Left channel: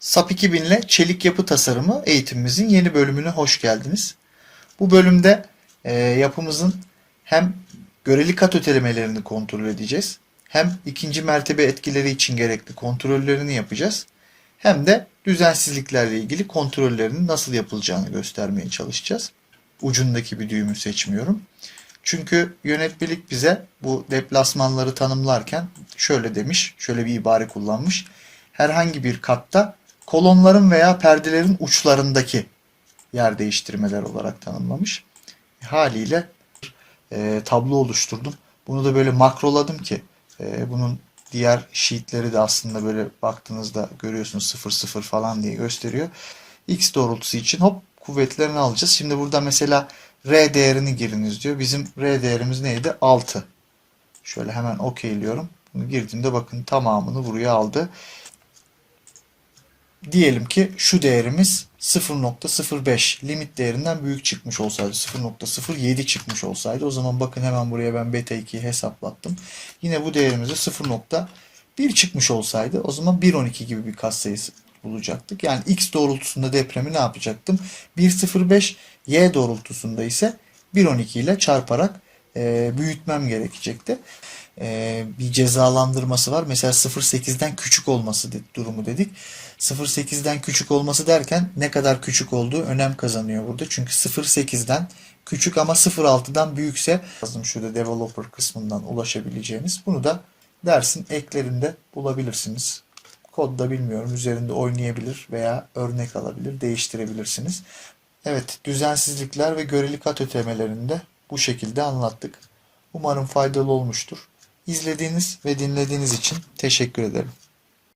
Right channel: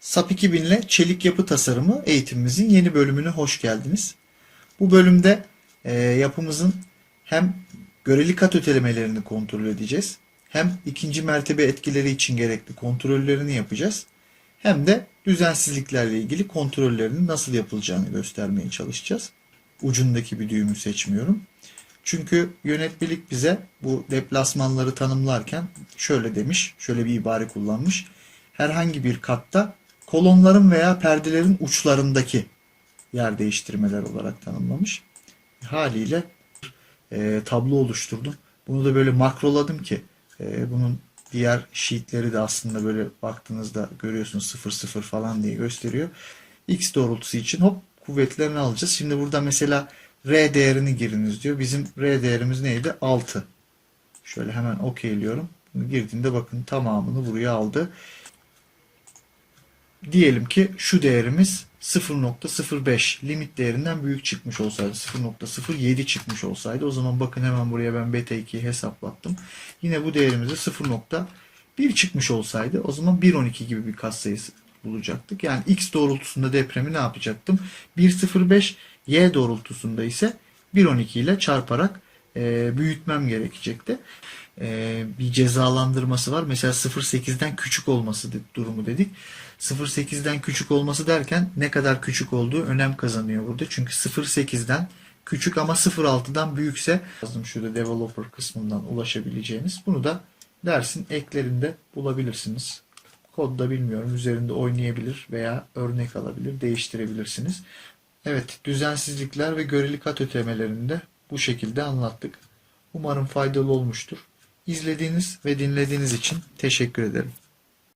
SAP 2000 ile çelik yapı tasarımı eğitimimizin yeni bölümüne hoş geldiniz. Bu bölümde e, yapımızın hem göreli kat ötelemelerini kontrol edeceğiz. Hem ikinci mertebe etkileri için gerekli kontrollerini yapacağız. Hem de düzensizliklerle ilgili kontrollerinin nasıl yapılacağını göstermeye çalışacağız. Ucundaki bir düğümü seçmiyorum. Çünkü yönetmelik bize bu deplasmanları tanımlarken şöyle demiş, şöyle bir ibare kullanmış. Herhangi bir katta kolonların veya perdelerin uçlarındaki yer değiştirmeler olarak tanımlamış. Haliyle e, tablo oluşturdum. Bunu da böyle makroladım ki e, bunun diğer sheetleri de aslında böyle baktığınızda görüyorsunuz 0 0 falan diye gösteriyor. X doğrultusu için hop kuvvetlerini alacağız. Şimdi burada mesela R değerini giriniz diyor. Bizim R değerimiz neydi? 6. Şöyle hemen okeyliyorum. Bunu girdiğimde bakın tamamını buraya aldı. Diyelim ki şu değerimiz 0.05 limit değerinden büyük çıkmış olsaydı 0.07 çıkmış olsaydı o zaman bakın hemen buraya ben beta 2'yi hesaplattım. Yine bu değerimize 0.1 çıkmış olsaydı o zaman 1.12 gibi bir katsayısı bulacaktık. Yani x doğrultusunda depremi ne yapacaktım? 1.05 y doğrultusunda ise 1.12 ile çarparak e, büyütmem gerekecekti. E, bir cezalandırması var. Mesela 0.8'den küçük olması durumu dedik. 0.8'den küçük olması derken ne kadar küçük olduğu önem kazanıyor burada. Çünkü 0.8'den küçük ama 0.6'dan büyükse yazdım şurada developer kısmından ulaşabileceğiniz. Bunu da dersin eklerinde bulabilirsiniz. Kodda bilmiyorum üzerinde oynayabilir veya örnek alabilir, değiştirebilirsiniz. Evet, düzensizlikler ve göreli kat ötemelerini de bu şekilde anlattık. Umarım faydalı olmuştur. İzlediğiniz ve dinlediğiniz için teşekkür ederim.